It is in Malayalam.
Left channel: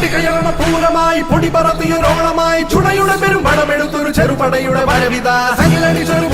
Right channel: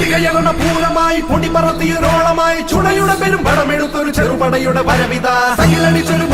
കൊടികയർന്ന പൂരമായി പൊടി പറത്തിയൊരോളമായി ചുടയുടെ പെരും പണമെടുത്തൊരു ചെറുപടയുടെ വരവിത സകിലടിച്ചൊരു